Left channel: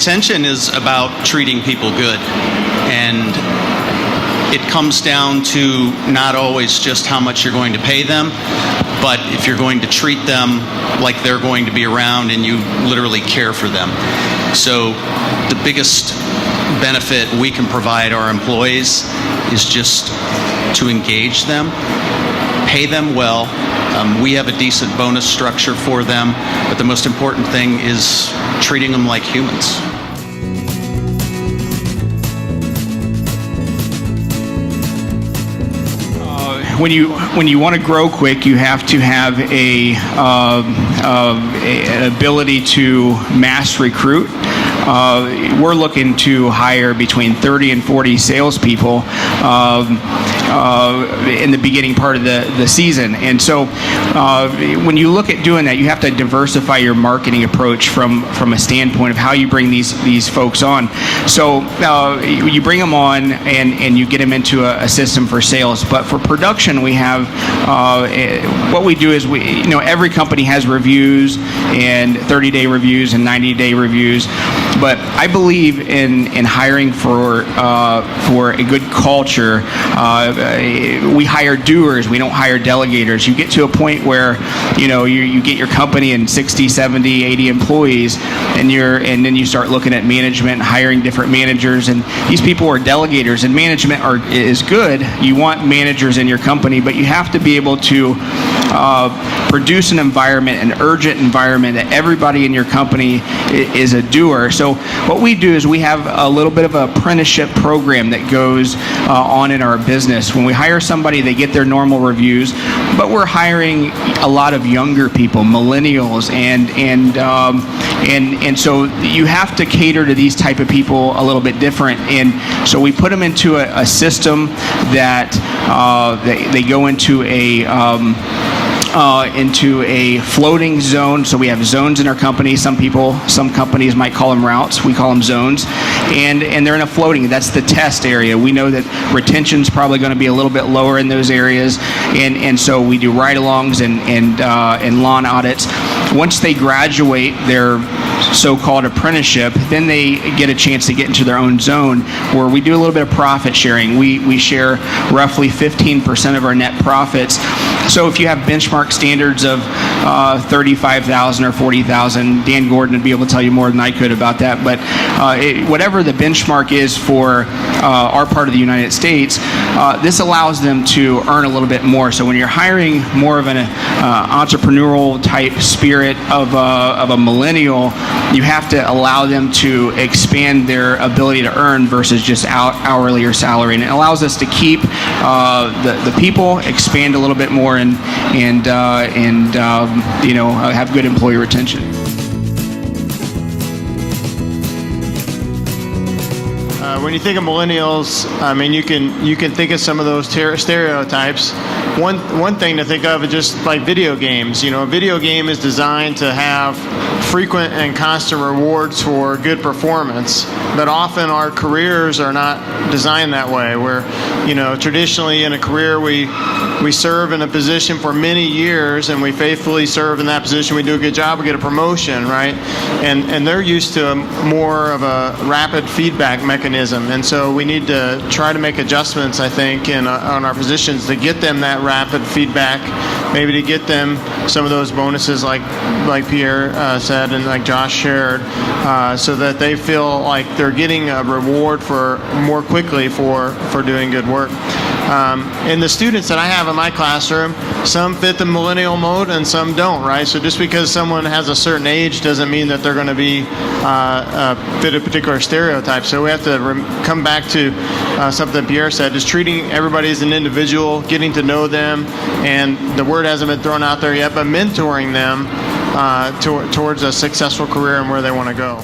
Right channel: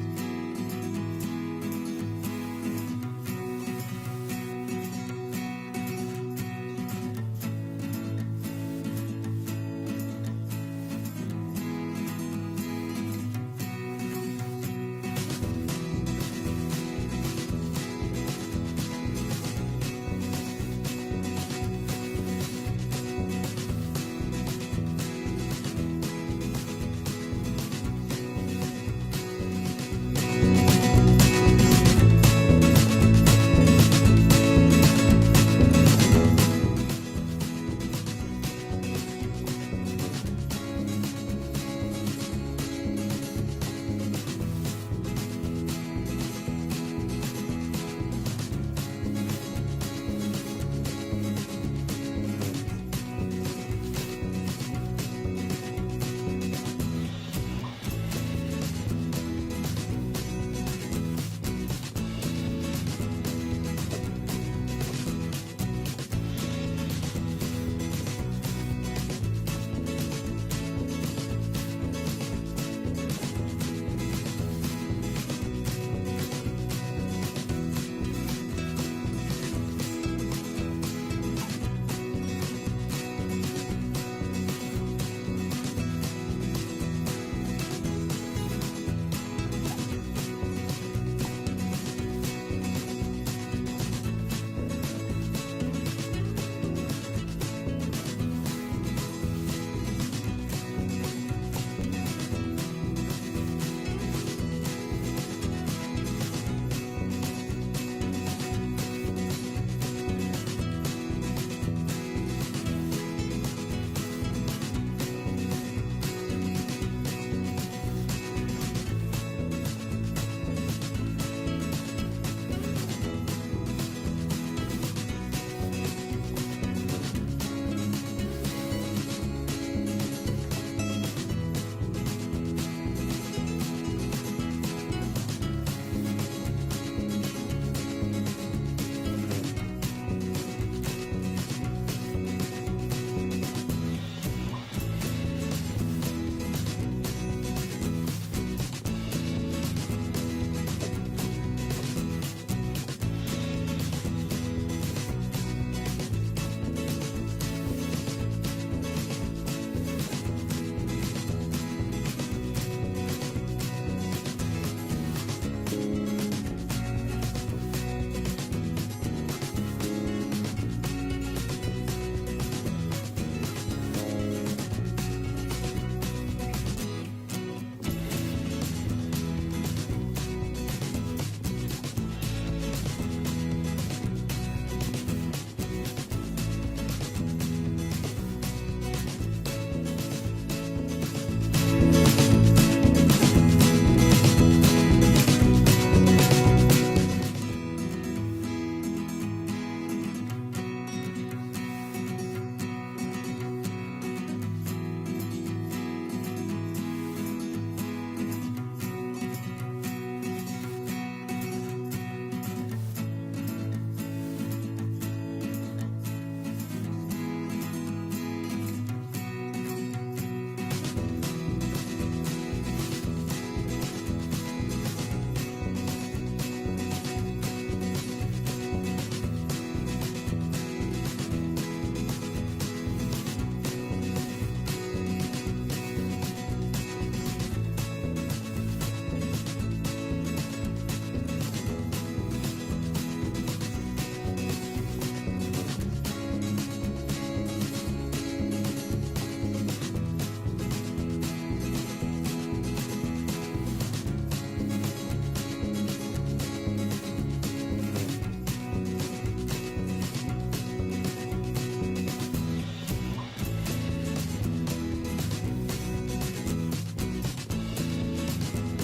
retention is about treating people good, and it comes down to not always just how much you're going to pay them, but if you're going to treat them like they're going to be around and you literally care for them. So the biggest benefit we can provide our employees is just to engage them, pay them well. We have a decent bonus structure for them, but the most important thing is treating them like humans. When you want to grow quick, you have to have an ability to mass recruit. We're looking to hire between 30 and 40 salespeople in the beginning part of the season. And so when you look at doing that, you have to diversify your marketing approach from a standpoint of how you bring these folks on. So you bring them on and you get them into a system for sales. But for production, we have what we do is every company has reviews and 30-day reviews and 90-day reviews. But I believe in hiring for a good culture. We hire doers. We don't hire delegators. You get to a point where you get your company and 60, 70, 80 employees, and then you start looking at management, hiring different managers, and these people are delegators. And management is good. You want managers in your company, but you have to be able to produce an environment, an urgent environment that everybody in your company is a doer. So what we do is we have a little bit of an apprenticeship program that goes on in our business. When we hire somebody, they get their normal reviews, but we're hiring a lot of younger people, millennials, and so you have to cater to these type of people a little bit different. And so we put them into a system that they go into a floating zone. So we have zones in our company. Some companies might call them routes. We call them zones. And they're in a floating. That's the test area. We know that retention's probably going to be a little bit lower in those areas. And so we do ride-alongs and lawn audits. Once they graduate their so-called apprenticeship, then they get a chance to get into their own zone where we do a little bit of profit sharing. We share roughly 15% of our net profits. So if you have benchmark standards of 35,000 or 40,000, Dan Gordon would be able to tell you more than I could about that. But whatever the benchmark is for our part of the United States, this allows them to earn a little bit more. So when you're hiring more of an entrepreneurial type spirit of a millennial, you have to allow them to expand their ability to earn versus just hourly or salary. And it allows us to keep the people, expand a little bit more, and have good employee retention. When you think of millennials, I mean, you can think of some of those stereotypes. One thing to think of is just like video games. A video game is designed to have frequent and constant rewards for good performance, but often our careers are not designed that way. Where, traditionally in a career we serve in a position for many years, and we faithfully serve in that position. We do a good job, we get a promotion, right? And they're used to more of a rapid feedback mechanism, and so we need to try to make adjustments, I think, on our positions to get them that rapid feedback, maybe to get them some of those bonuses like Pierre said and like Josh shared, so that they feel like they're getting a reward for more quickly for doing good work. And the students that I have in my classroom, some fit the millennial mode and some don't, right? So just because someone has a certain age doesn't mean that they're going to be fit a particular stereotype. So we have to come back to something Pierre said, just treating everybody as an individual, getting to know them, and the word hasn't been thrown out there yet, but mentoring them towards a successful career and where they want to go.